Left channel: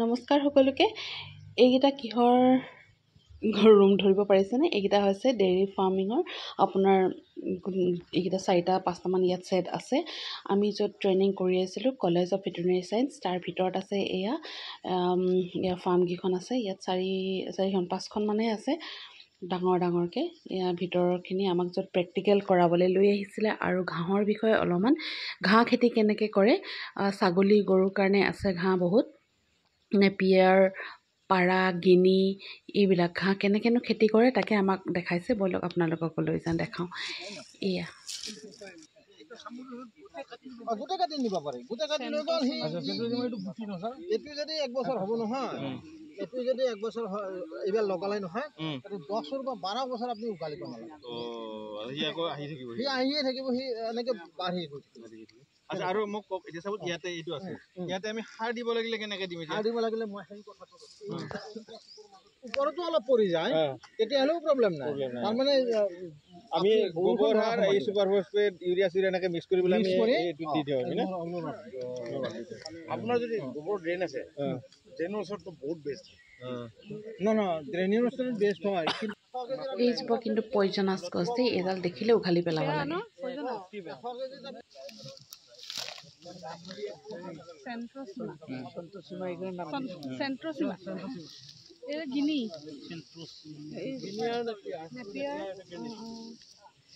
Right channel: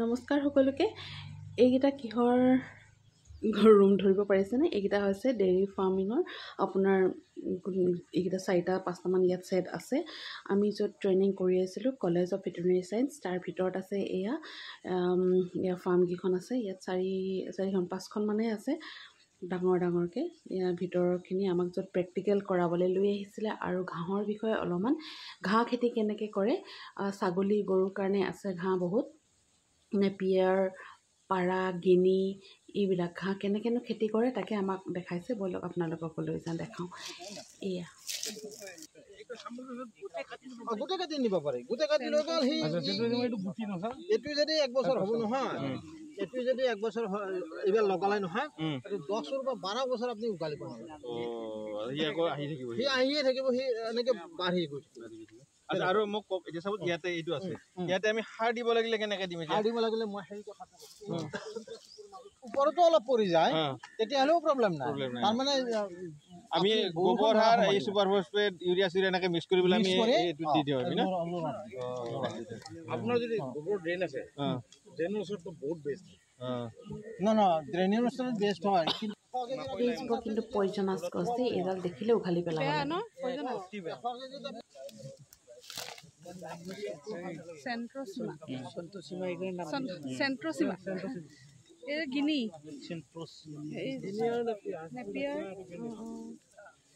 নমস্কাৰ সকলোকে। এইকেইটা কিহৰ ৰুম ধৰিব পাৰিছেনে? এইকেইটা হৈছে ডেইৰী ফাৰ্মিঙৰ আপোনাৰ এইকেইটা 4-5টামান ইয়াত ছেট আছে। আমি য'ত ট্ৰেইনিং কৰি আছিলোঁ কলেজ অফ ভেটেৰিনেৰী চায়েন্স, তাৰ ভিতৰত আছে এয়া ফাৰ্মকেইখন আছে। ইয়াত 5খন মানেই আছে ডাঙৰকৈ। ইয়াৰ ভিতৰৰখিনি আমাক য'ত প্ৰেক্টিকেল কৰাবলৈ লৈ আহিছিলে আৰু ঘাঁহৰ বিষয়ে অলপমান, ঘাঁহ খেতি কেনেকৈ কৰে, ছাগলী গৰুৰ কাৰণে আছে ঘাঁহ বহুত, নেপিয়াৰ, পাৰা, গিনি, এইবিলাক ঘাঁহ কেনেকৈনো খেতি কৰে তাকে আমাক দেখাইছে। ব'লক আপোনালোকক লৈ যাওঁ, দেখাওঁ। এয়া গোটেই কাটি নিব পাৰি, গোটেই কাটি লৈ গ'ল সি। এইটো যদি 1 বছৰ হ'ব নহয়, এইটো যদি 1 বছৰ এইবাৰ লগালে নহয়, 10 বা 12 বছৰ আপুনি উঘালিব নালাগে। সি আহিয়ে থাকিব, সি এনেকৈ বাঢ়ি গৈ থাকিব। আচ্ছা, আৰু মোক কওক এতিয়া চাব, ইয়াতে এইটো আছে, ইয়াতে আমি সাৰ দিব লাগিলে কেনেকৈ দিম? সাৰ দিব লাগিলে মই সেই কথাটো ওপৰতো অলপ পৰি যায়, তেতিয়াহ'লেও প্ৰব্লেম নাই। তাৰমানে আমি গোবৰ সাৰ, এই সুপাৰ ফসফেট, ইউৰিয়া চিউৰিয়া এনেকৈ মিক্স কৰি পেলাই আমি এইটো দি দিওঁ আমি ন? আপোনাৰ যদি গোবৰ ড্ৰেইন আছে, ড্ৰেইনৰ ওচৰততো বহুত বেষ্ট। ড্ৰেইনেৰ ওচৰত বেষ্ট হয়। এইজোপা কিন্তু পয়জনাছ গছ দেই, এইডাল দেখিলে উঘালি পেলাব লাগে।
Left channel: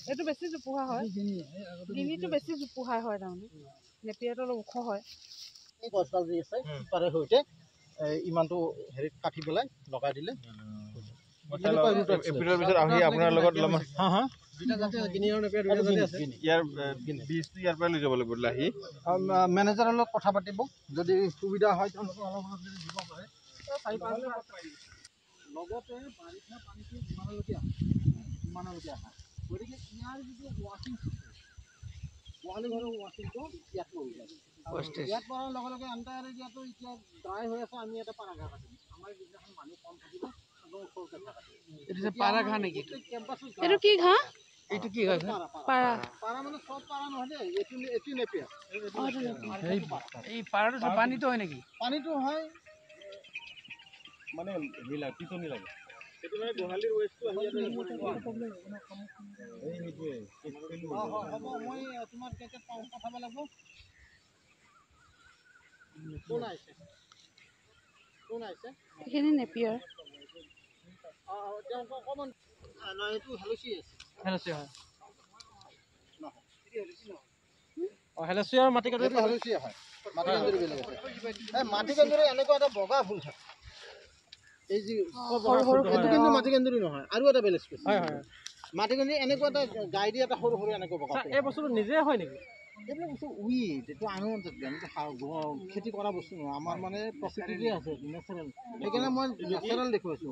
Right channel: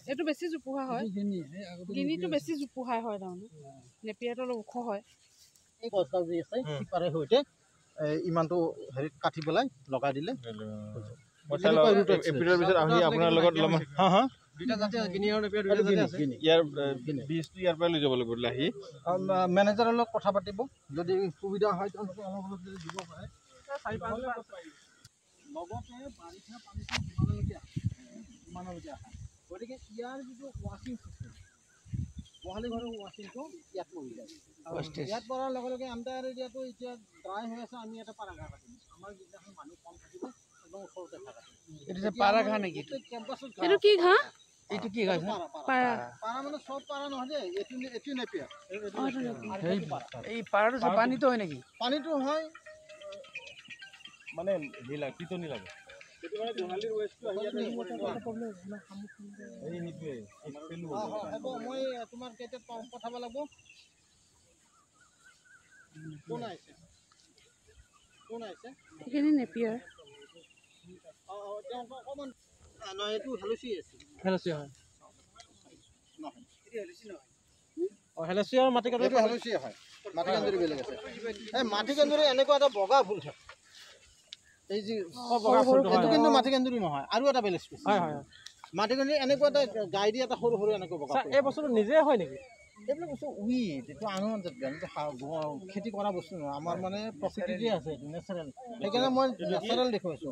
এইটো বেছি জোপোহা হয়, গিনিটো বেছি জোপোহা হয়, তাৰমানে নেপিয়াৰটো অলপ ওখ হয়। এই গছডাল যি আছে সিপাৰে সৈতে ইমানটো হেৰিত কাটি পেলাই লগাই দিলে। এপ্ৰিলৰ পিছত আহি আপোনাৰ লগত ইয়াৰ পৰাই লৈ যাব লাগিব লাহি। মেনেজাৰৰ লগত কথা পাতিব, যদি সুবিধা হয় তেওঁলোকে অলপ অলপ যদি দিব পাৰে। লগতে বাৰিষা পানীটো যিমানলৈকে আহে, গতিকে ইয়াৰ যিটো ৱাশ্বিং চিষ্টেম, গোহালি ঘৰৰ ৱাশ্বিংটো ইয়াত পৰি যায়। ইয়াত পৰাৰ লগে লগে আণ্ডাৰ এৰিয়াটো এতিয়া ড্ৰাই হৈ আছে। আমি এটা পাৰা ঘাঁহ কাটিম, আমাৰ যিদিনাখন মানুহ কম থাকিব একদম ওচৰতে ঘাঁহ কাটিম। পাৰা ঘাঁহ নেকি? এইটো কি ঘাঁহ? এইটো কি ঘাঁহ? পাৰা। পাৰা মানে চব পাৰা নহয় দেই, এইটো নেপিয়াৰ। এই পাৰাটো পানীটো হয় নেকি? পানীটো হয়, মানে পিটনি লাগে। সেইটো মানে গোহালিৰ ৱেষ্টটো আহি ইয়াতে হ'ব। মই তোমাৰ কেইটাত পঠাব লাগিব? কোন আহিছে? এইখিনি নেপিয়াৰ। তেওঁ অকণমান এইটো হেলচি আছে। হেলচি হয়। হেলচি আৰু মাটি কান্দুৰি হেলচি হয়, মাটি কান্দুৰি বেলেগ আছে। এই মাটি কান্দুৰি এনেকুৱা এটা বগা ফুল থাকে, এই যি এইটো কিন্তু মাটি কান্দুৰি নহয়, আৰু এটা বেলেগ স্পেচিছ। মাটি কান্দুৰি এনেকুৱা এটা গাই দি এটা সৰু সৰু এনেকুৱা বগা। এই বস্তুটো নিজে হয় নেকি? এইবিলাক বস্তু উইড, এইটো আনুমানিক খেতি কৰা বস্তু নহয়, আমাৰ মানে প্ৰকৃতিতে আছে, এইটো নেচাৰেল। সেইকাৰণে মই নেচাৰেল দেখুৱাইছোঁ।